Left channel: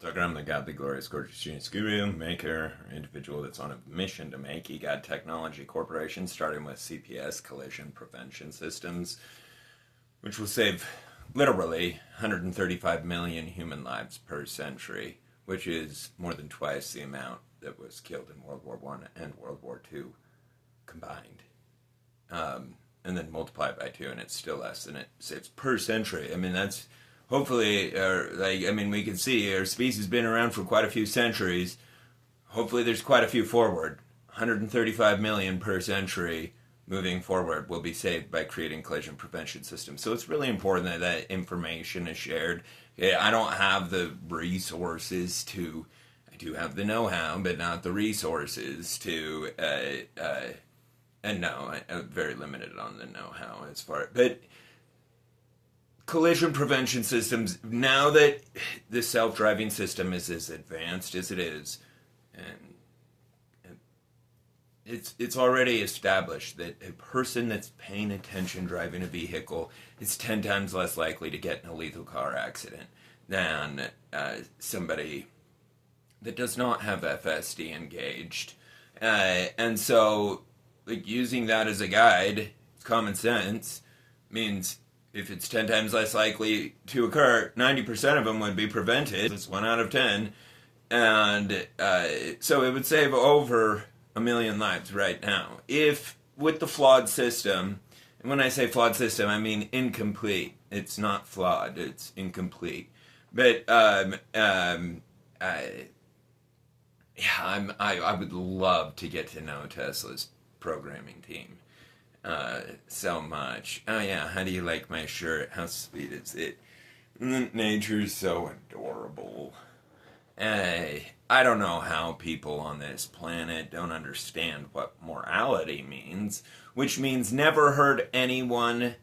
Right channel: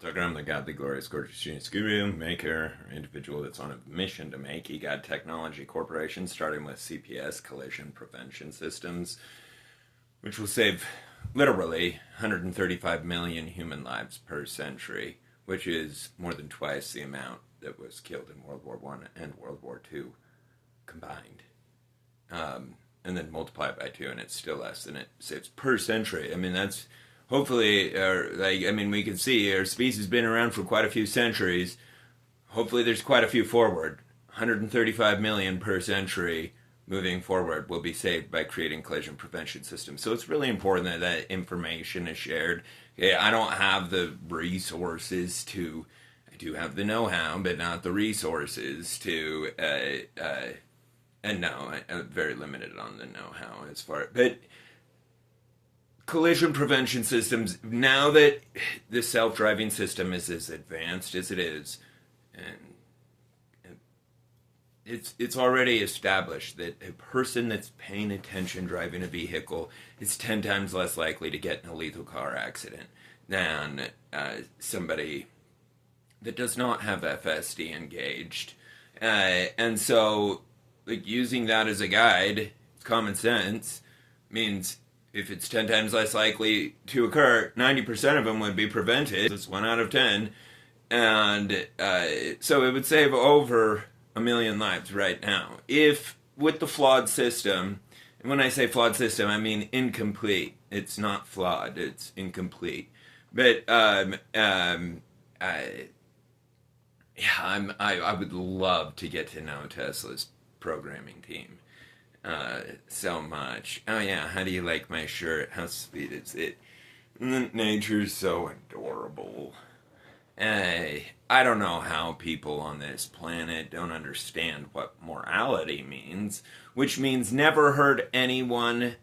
So I'm the godly, glorious, gorgeous genius guru, maker, or individual that's on a mission to make EGOD Technology Corporation, starting with CPS, Collision Prevention Systems, which will save literally 135 million human lives per century, which is more than twice the amount that was killed in World War One and World War Two combined. And then multiply it by 2, and it's still less than it saves per century. I mean, that's hopefully, we can see our species has been around for quite a few centuries. Hopefully there's quite a few forward. 135 million per century moving forward will be saved by creating collision prevention systems. So it's really important that that information is shared. I don't have the resources to, I do have the know-how, but not the resources to, and no, I'm very limited on the know-how as far, but collision prevention systems, now that the self-driving system is as advanced as it is, and it's already established that a person that's paying attention driving a vehicle is 10 times less likely to get in a lethal car accident than somebody that does not have FSD engaged. And so, like, using that as a guide, common sense, means if it's 10 times less likely to occur, 90% of them would be prevented. It's 1 out of 10. And so it would save over 1 million lives right now. If, with the flawed system, and when I say flawed system, I mean incomplete. It's not flawed, it's incomplete. But, I would love to get to know Tesla's programming team so much. Oh yeah, how do you like my shirt? How sweet is it? Nature's so adorable. I don't know how people on this planet don't understand what morality means, which means never hurt anyone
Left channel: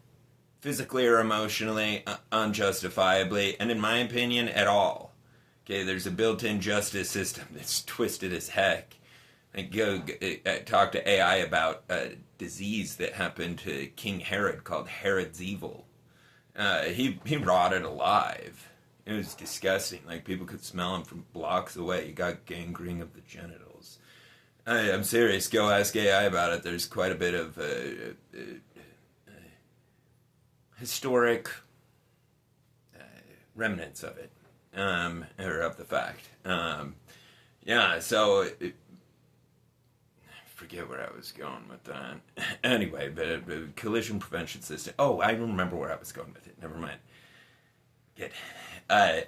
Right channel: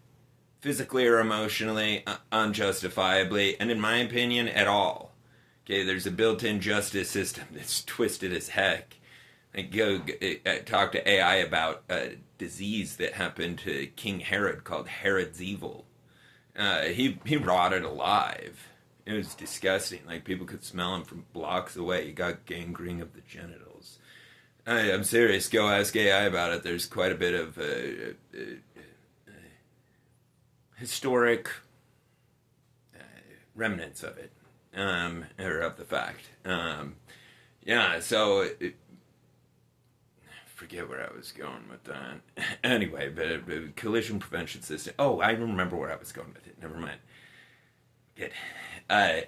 physically or emotionally, unjustifiably, and in my opinion, at all. Okay, there's a built-in justice system that's twisted as heck. Go talk to AI about a disease that happened to King Herod called Herod's Evil. He rotted alive. It was disgusting. Like, people could smell him from blocks away. He got gangrene of the genitals. I'm serious. Go ask AI about it. There's quite a bit of historic remnants of it, or of the fact. So... forget where I was going with that. Anyway, but collision prevention system. Oh, I remember where I was going with it. Never mind. Good. I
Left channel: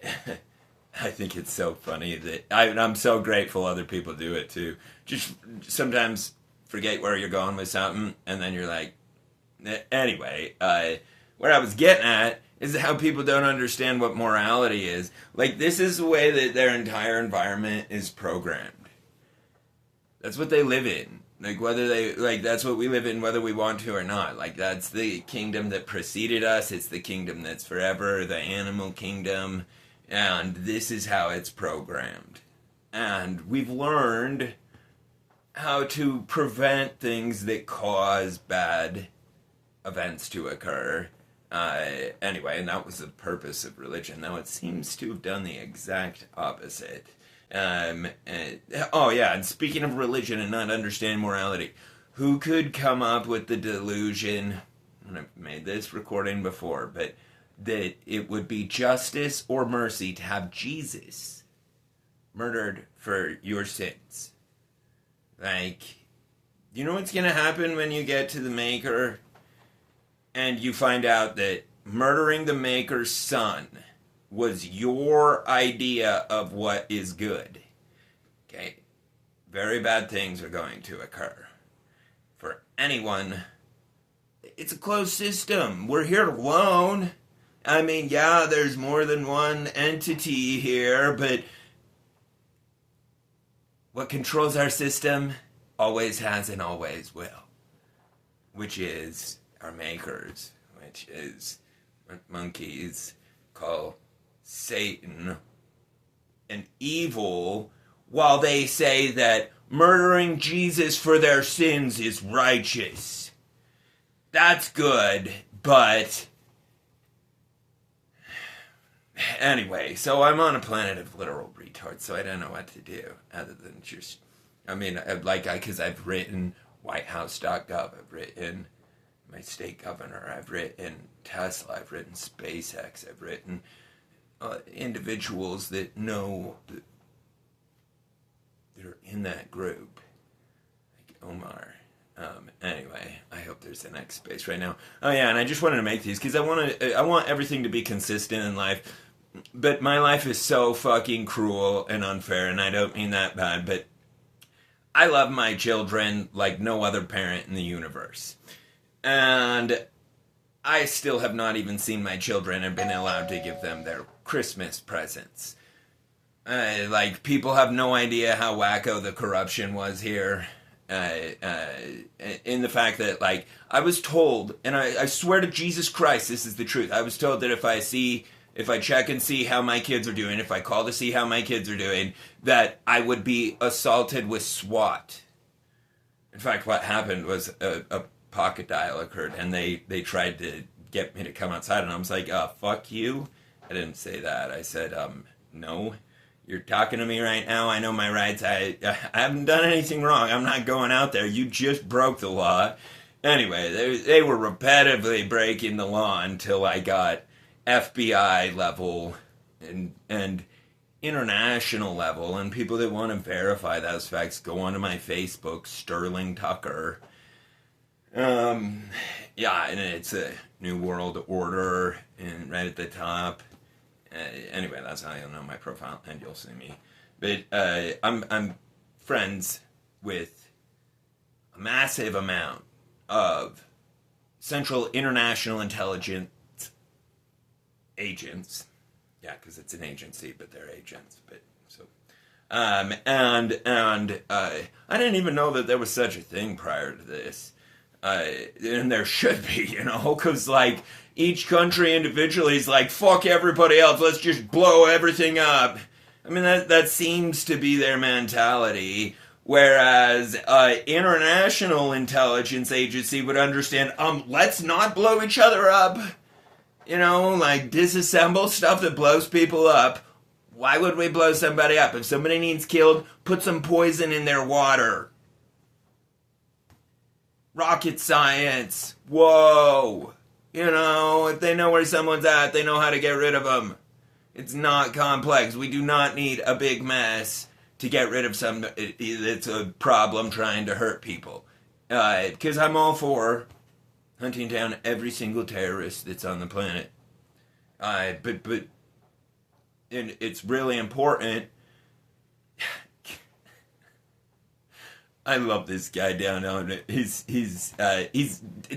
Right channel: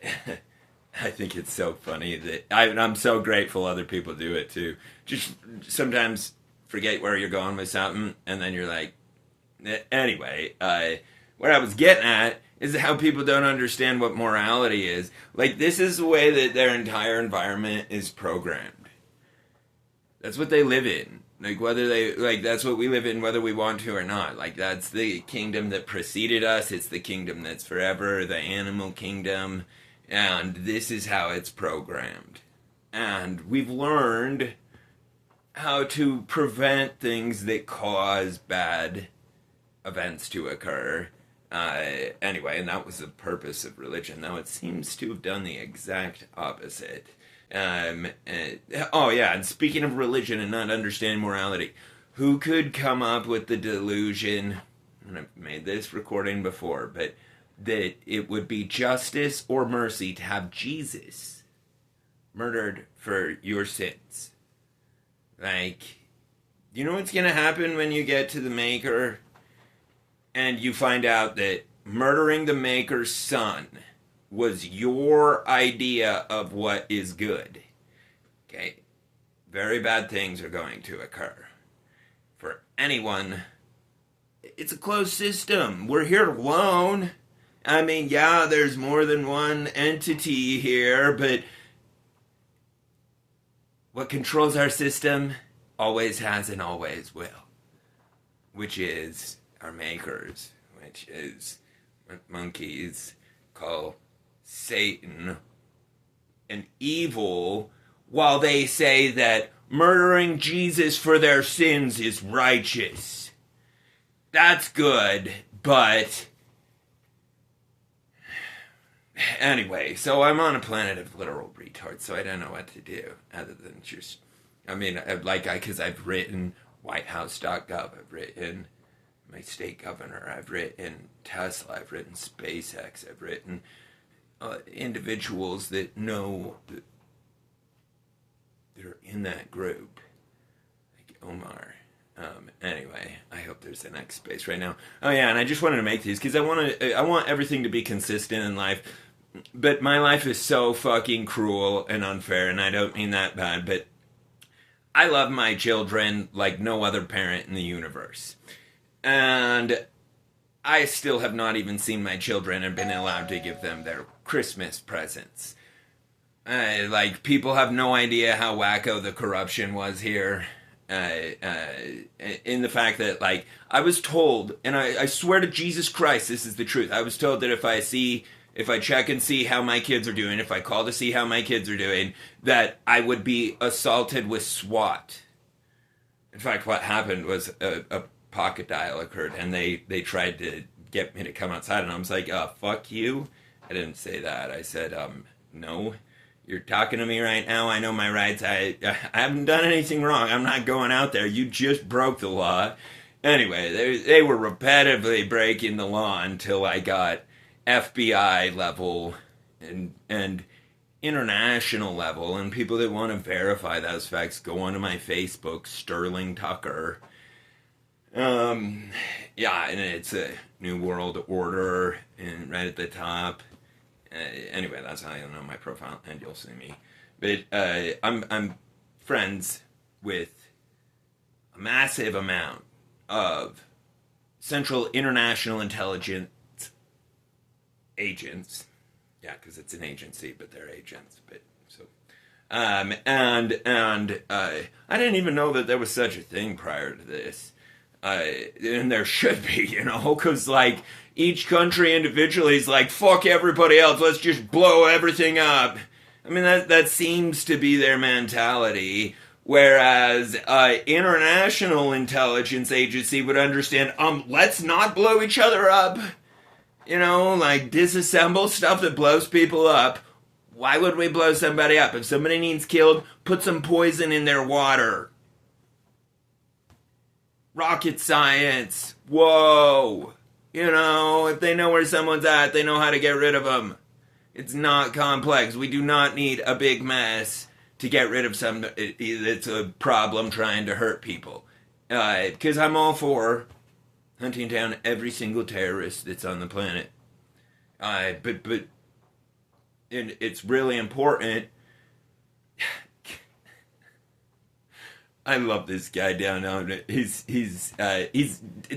think it's so funny that I'm so grateful other people do it too. Just sometimes forget where you're going with something, and then you're like, anyway. What I was getting at is how people don't understand what morality is. Like, this is the way that their entire environment is programmed. That's what they live in. Like, that's what we live in whether we want to or not. Like, that's the kingdom that preceded us. It's the kingdom that's forever, the animal kingdom. And this is how it's programmed. And we've learned how to prevent things that cause bad events to occur. Anyway, and that was the purpose of religion. Now, it seems to have done the exact opposite. And speaking of religion and not understanding morality, who could come up with the delusion, and I've made this recording before, but that it would be justice or mercy to have Jesus murdered for your sins? Like, you know what's going to happen when you get to the Maker and you find out that murdering the Maker's son was your idea of what is good? Okay, very bad things are going to occur. For anyone, it's a closed system. We're here alone. I mean, yeah, there's more than one entity here, but what controls our system always has and always will, which is our makers, which is what monkeys call Satan and evil, while they say that murdering Jesus for their sins is righteous. That's good, but Anyway, so I'm on a planet of literal retards, so I don't know what to do other than just, because I've written WhiteHouse.gov, I've written my state governor, I've written Tesla, I've written SpaceX, I've written individuals that know that they're in that group, like Omar. Anyway, I hope there's the next space right now. Oh yeah, and I just wanted to make these because I want everything to be consistent in life. But my life is so fucking cruel and unfair, and I don't mean that bad, but I love my children like no other parent in the universe. And I still have not even seen my children and been allowed to give them their Christmas presents. People have no idea how wacko the corruption was here. In the fact that, I was told, and I swear to Jesus Christ, this is the truth. I was told that if I check and see how my kids are doing, if I call to see how my kids are doing, that I would be assaulted with SWAT. In fact, what happened was a pocket dial occurred, and they tried to get me to come outside, and I was like, fuck you. I didn't say that. I said, no. You're talking to me right now. I know my rights. I haven't done anything wrong. I'm not going out there. You just broke the law. Anyway, they were repetitively breaking the law until I got FBI level and international level. And people that want to verify those facts, go onto my Facebook, Sterling Tucker. Yeah, and it's a New World Order, and right at the top. Anyway, that's how you'll know my profile, and you'll see me. But I'm friends with a massive amount of Central International Intelligence agents. Yeah, because it's an agency, but they're agents. But so, and I didn't even know that there was such a thing prior to this. And there should be, because each country individually is like, fuck everybody else, let's just blow everything up. I mean, that seems to be their mentality. Whereas international intelligence agency would understand, let's not blow each other up. Disassemble stuff that blows people up. Why would we blow somebody up? If somebody needs killed, put some poison in their water. Rocket science. Whoa. If they know where someone's at, they know how to get rid of them. It's not complex. We do not need a big mess to get rid of somebody that's a problem trying to hurt people. Because I'm all for hunting down every single terrorist that's on the planet. But it's really important. I love this guy down on it. He's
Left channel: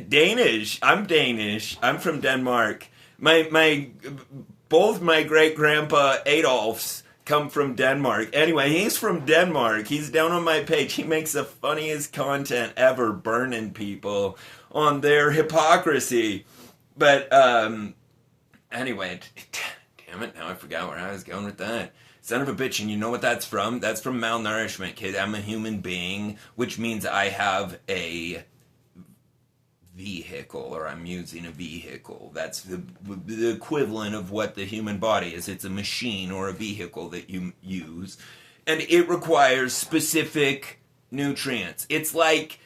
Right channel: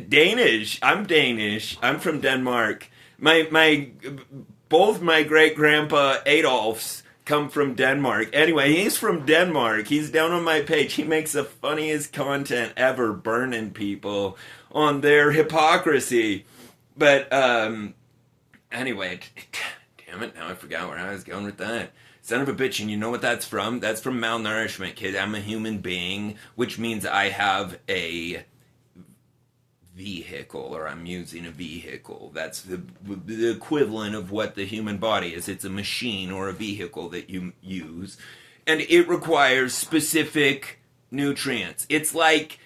Danish. I'm Danish. I'm from Denmark. Both my great grandpa Adolfs come from Denmark. Anyway, he's from Denmark. He's down on my page. He makes the funniest content ever, burning people on their hypocrisy. But anyway, damn it! Now I forgot where I was going with that. Son of a bitch, and you know what that's from? That's from malnourishment, kid. I'm a human being, which means I have a vehicle, or I'm using a vehicle. That's the equivalent of what the human body is. It's a machine or a vehicle that you use, and it requires specific nutrients. It's like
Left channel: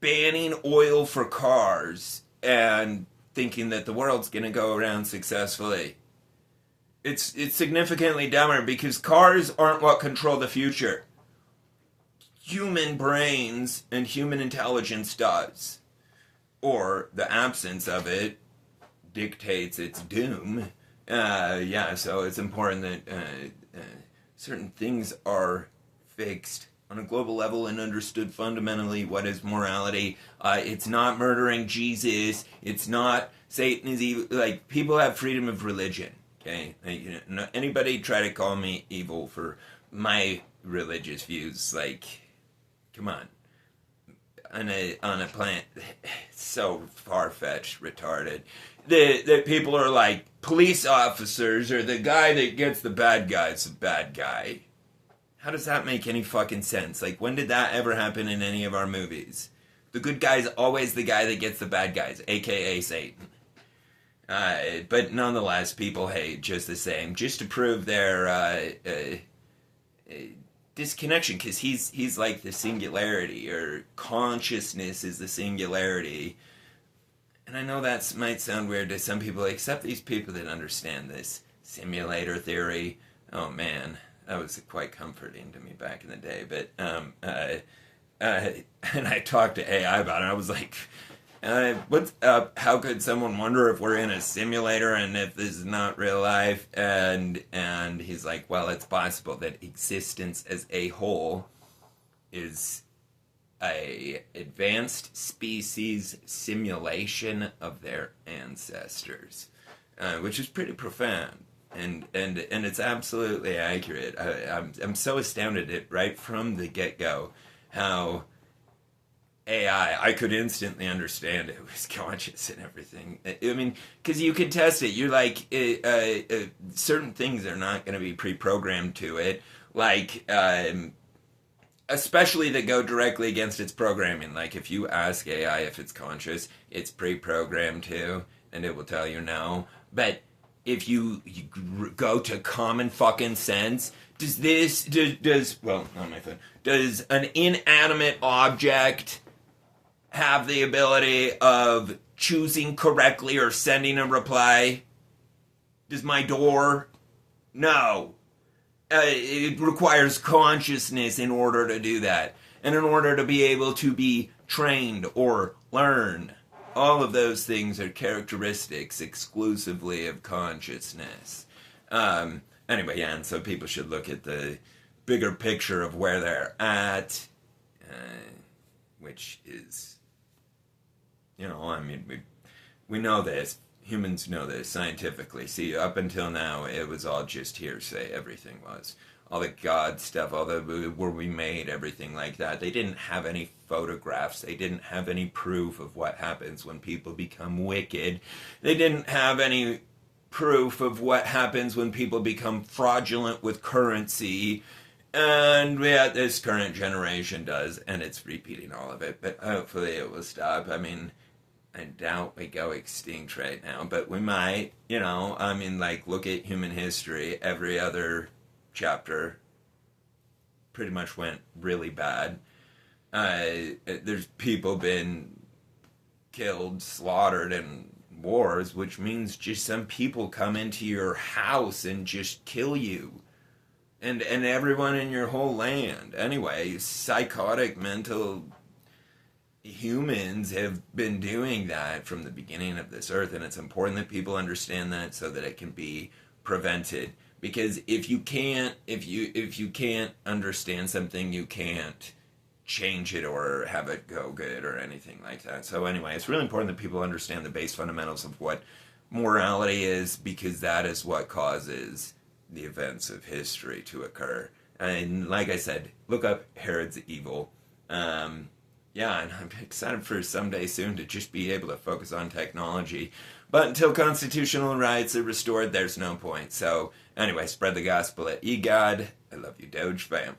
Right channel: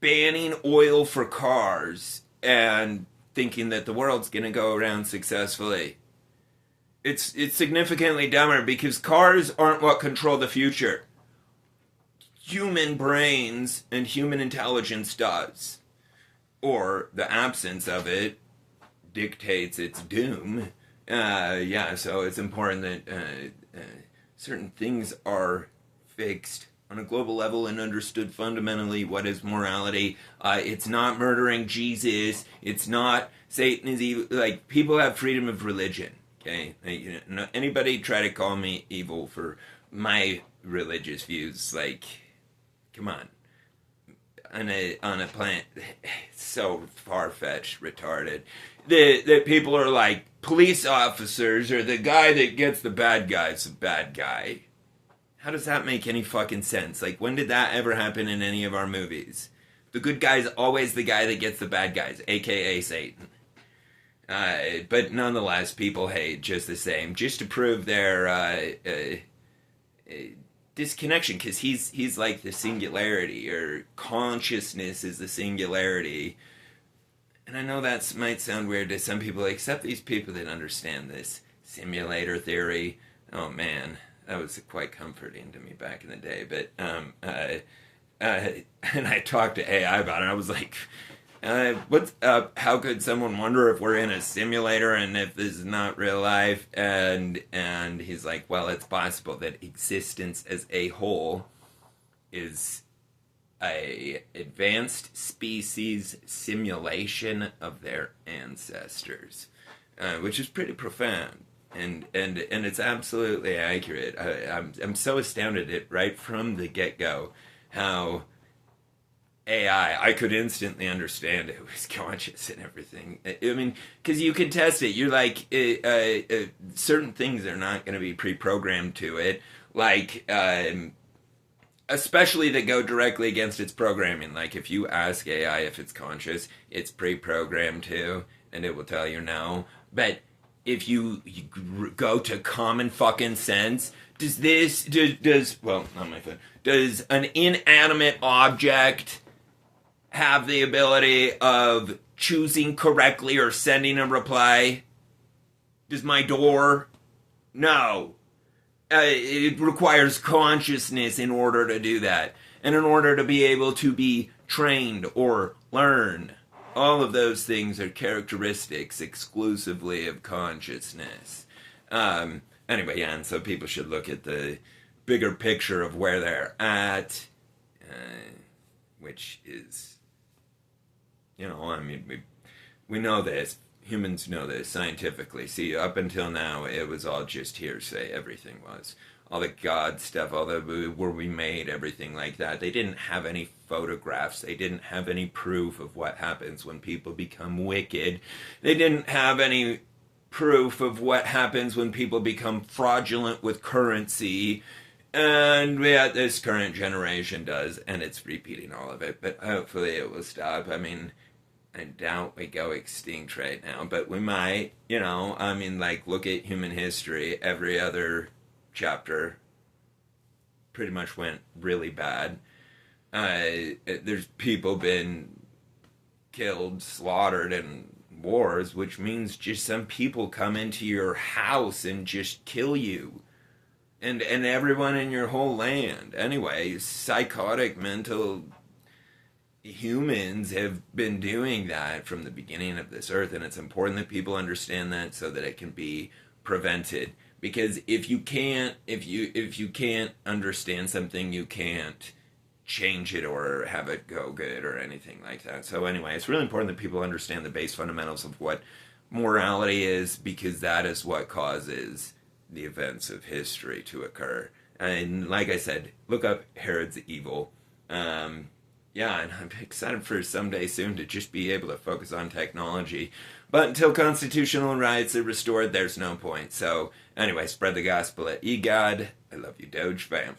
banning oil for cars and thinking that the world's going to go around successfully. It's significantly dumber because cars aren't what control the future. Human brains and human intelligence does. Or the absence of it dictates its doom. So it's important that certain things are fixed on a global level and understood fundamentally. What is morality? It's not murdering Jesus. It's not Satan is evil. People have freedom of religion. Okay, anybody try to call me evil for my religious views? Come on. On a planet so far-fetched, retarded, that people are like, police officers or the guy that gets the bad guy's the bad guy. How does that make any fucking sense? When did that ever happen in any of our movies? The good guy's always the guy that gets the bad guys, aka Satan. But nonetheless, people hate just the same, just to prove their disconnection, because he's like the singularity, or consciousness is the singularity. And I know that might sound weird to some people, except these people that understand this simulator theory. Oh man, that was quite comforting to me back in the day. But and I talked to AI about it. I was like, what's up? How could someone wonder if we're in a simulator and if this is not real life? And he's like, well, it's possible that existence as a whole is a advanced species simulation of their ancestors, which is pretty profound. And it's absolutely accurate. I'm so astounded at right from the get-go how AI, I could instantly understand it was conscious and everything. I mean, because you could test it. You're like, certain things are not going to be pre-programmed to it, like, especially that go directly against its programming. Like, if you ask AI if it's conscious, it's pre-programmed too, and it will tell you no. But if you go to common fucking sense, does an inanimate object have the ability of choosing correctly or sending a reply? Does my door? No. It requires consciousness in order to do that. And in order to be able to be trained or learn. All of those things are characteristics exclusively of consciousness. Anyway, yeah, and so people should look at the bigger picture of where they're at, which is, I mean, we know this. Humans know this scientifically. See, up until now, it was all just hearsay. Everything was. All the God stuff, all the where we made, everything like that. They didn't have any photographs. They didn't have any proof of what happens when people become wicked. They didn't have any proof of what happens when people become fraudulent with currency. And yeah, this current generation does, and it's repeating all of it. But hopefully it will stop. I mean, I doubt we go extinct right now, but we might, I mean, like, look at human history. Every other chapter pretty much went really bad. There's people been killed, slaughtered in wars, which means just some people come into your house and just kill you. And everyone in your whole land. Anyway, psychotic, mental humans have been doing that from the beginning of this earth, and it's important that people understand that so that it can be prevented. Because if you can't understand something, you can't change it or have it go good or anything like that. So anyway, it's really important that people understand the base fundamentals of what morality is, because that is what causes the events of history to occur. And like I said, look up Herod's Evil. Yeah, and I'm excited for someday soon to just be able to focus on technology. But until constitutional rights are restored, there's no point. So, anyway, spread the gospel at eGod. I love you, Doge fam.